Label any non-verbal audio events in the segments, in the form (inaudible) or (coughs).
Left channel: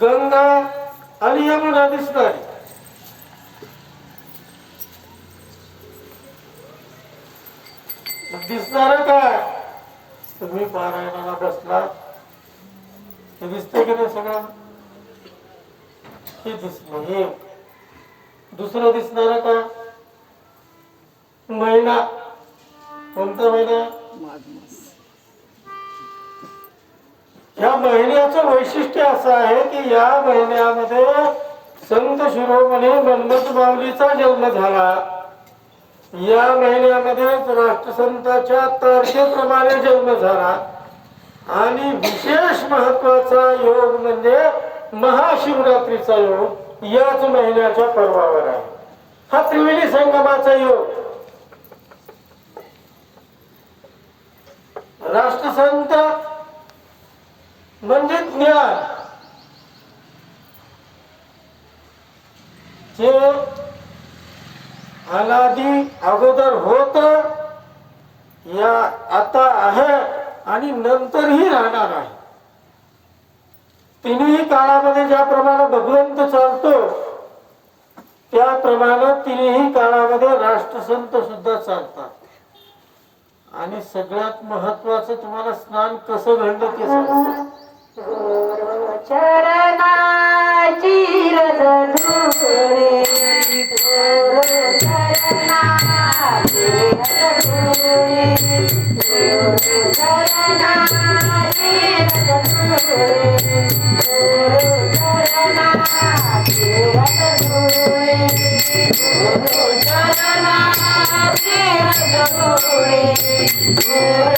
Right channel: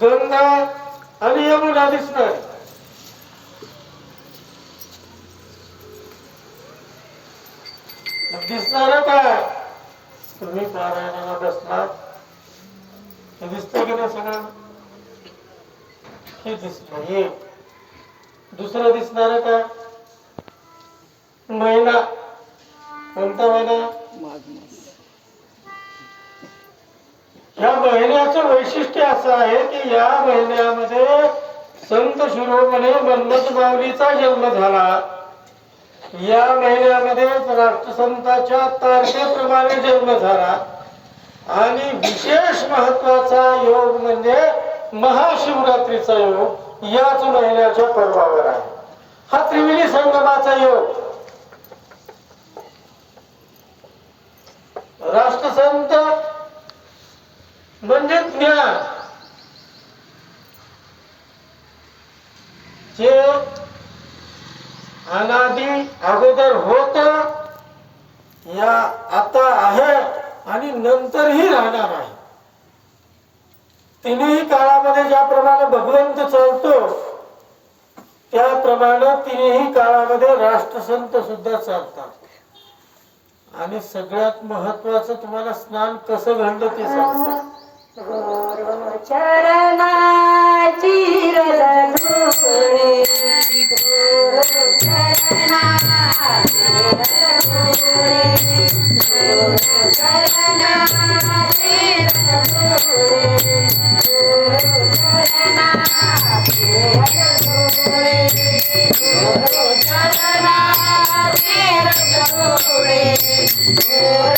गंगा आणि यमुना दिसणार दिसणार काय? तुम्ही पारायणाला बसणार हे की नाही सगळं? हे दिसणार हे दुसरं दिसणार का महिना. कोणता महिना? या महिन्याचं वैशिष्ट्य असं आहे की या महिन्यामध्ये संत शिरोमणी मन्मथ माऊलीचा जन्म झाला. या महिन्यामध्ये राष्ट्रसंताच्या तारखेप्रमाणे जन्म झाला. आणि विशेष महत्त्वाचा योग म्हणजे महाशिवरात्रीचा योग याच महिन्याच्या पर्वावर आहे. हा त्रिवेणी संगमाचा योग. राष्ट्रसंत म्हणजे ज्ञान. जे अनादी अगोदर होत या आता आहे आणि नंतरही राहणार आहे. तिन्ही काळामध्ये ज्याप्रमाणे भगवंत चालतो त्याप्रमाणे तिन्ही काळामध्ये राष्ट्रसंत सुद्धा चालतात. आणि सगळ्यात महत्वाचं तुम्हाला स्नान कसं घडलं ते सांगतो. चरणाची रजधुळे चरणाची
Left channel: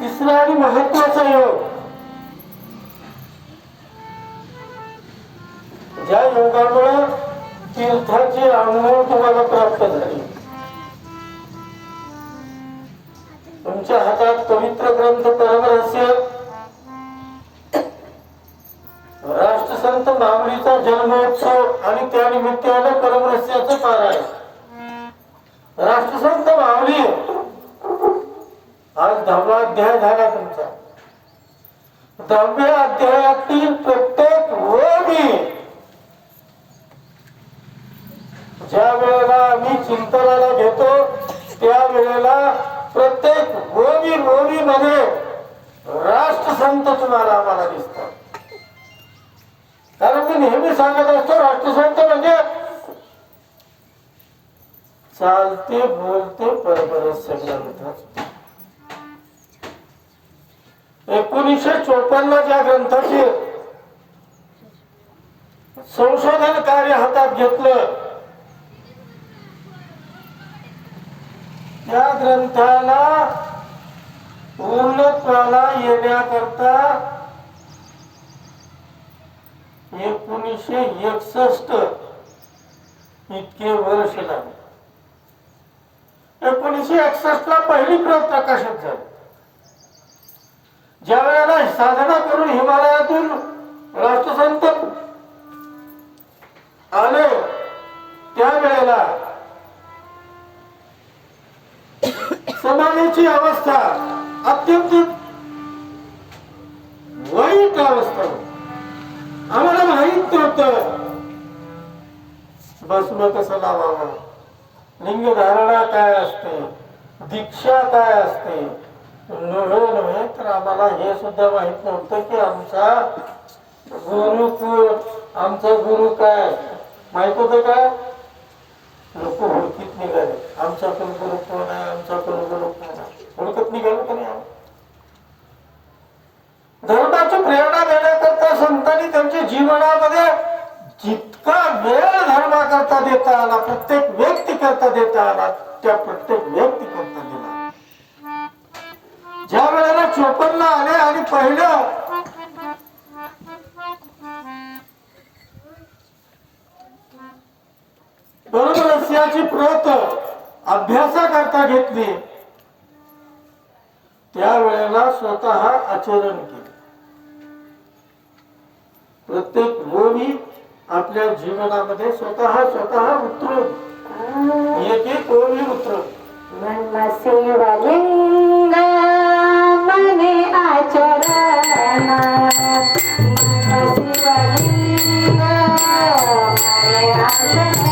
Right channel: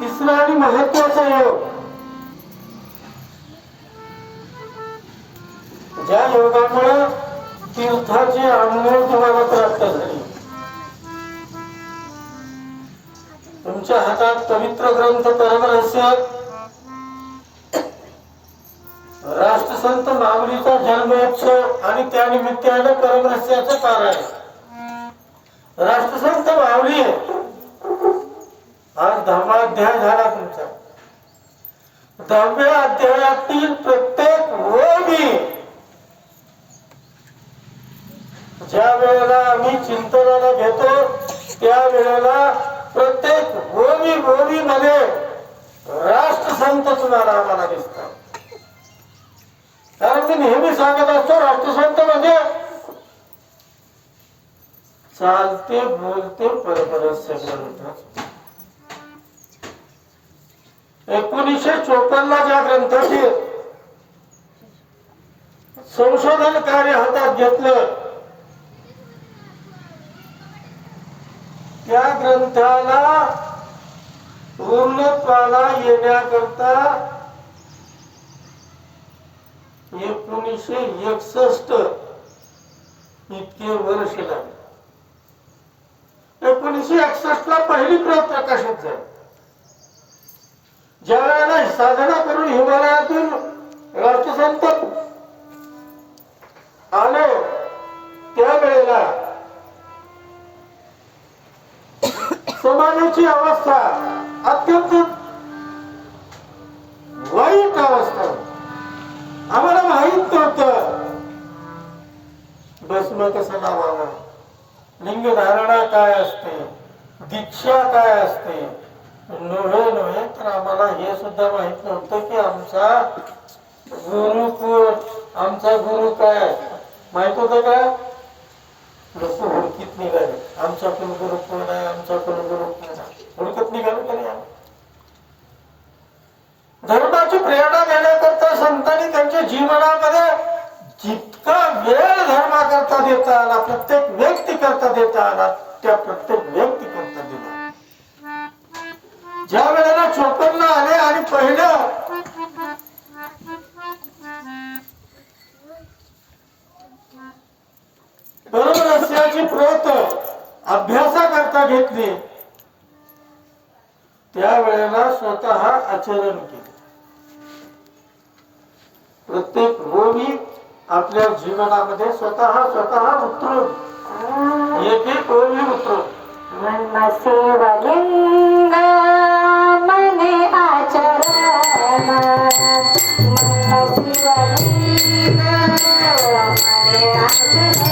तिसरा आणि महत्त्वाचा योग. ज्या योगामुळे तीर्थाची अनुभव तुम्हाला प्राप्त झाली. तुमच्या हातात पवित्र ग्रंथ परमरहस्य राष्ट्रसंत माऊलीचा जन्मोत्सव आणि त्यानिमित्तानं परमरहस्याचं पारायण. राष्ट्रसंत माऊली आज दहावा अध्याय झाला तुमचा. दहाव्या अध्यायातील प्रत्येक ओळी ज्या वेळेला आम्ही चिंतनाला घेतो त्या वेळेला प्रत्येक राष्ट्रसंत तुम्हाला आम्हाला दिसतात कारण मी नेहमी सांगत असतो राष्ट्रसंत म्हणजे चालते बोलते परपरस्य ग्रंथ एकोणीसशे चोपन्न ज्या ग्रंथाचे संशोधन कार्य हातात घेतलं. त्या ग्रंथाला पूर्णत्वाला येण्याकरता एकोणीसशे एकसष्ट इतके वर्ष लागले. एकोणीसशे एकसष्ट ला पहिली प्रत प्रकाशित झाली. ज्या वेळेला साधना करून हिमालयातून राष्ट्रसंत आले त्यावेळेला (coughs) समाजाची अवस्था अत्यंत वाईट अवस्था. आम्हाला माहीत नव्हतं. भस्म कसं लावावा? लिंग धारणा काय असते? दीक्षा काय असते? नव्हे नव्हे तर आम्हाला हे सुद्धा माहीत नव्हतं की आमचा गुरु कोण? आमचा गुरु काय? माहीत होतं का? लोक आमचा कुलगुरु कोण आहे? आमचा कुलगुरु कोण आहे? हुडकत निघालो की नाही धर्माची प्रेरणा देण्याकरता संतांनी त्यांच्या जीवनामध्ये जितका वेळ धर्माकरता देता आला प्रत्येक व्यक्ती करता देता आला त्या प्रत्येक व्यक्ती करता दिला ज्या वेळेला चोपन्न आले आणि पहिलं बरोबर असल्याची प्रत अभ्यासाकरता घेतली त्यावेळेला स्वतः आचरण केलं. प्रत्येक रोगी आपल्या जीवनामध्ये स्वतः स्वतः उतरून एक एक रोगी उतरून. मनसेवलिंग मने आचरण। मने आचरण।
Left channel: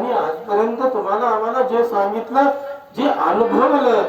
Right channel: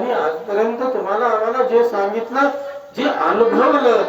आणि आजपर्यंत तुम्हाला आम्हाला जे सांगितलं जे अनुभवलं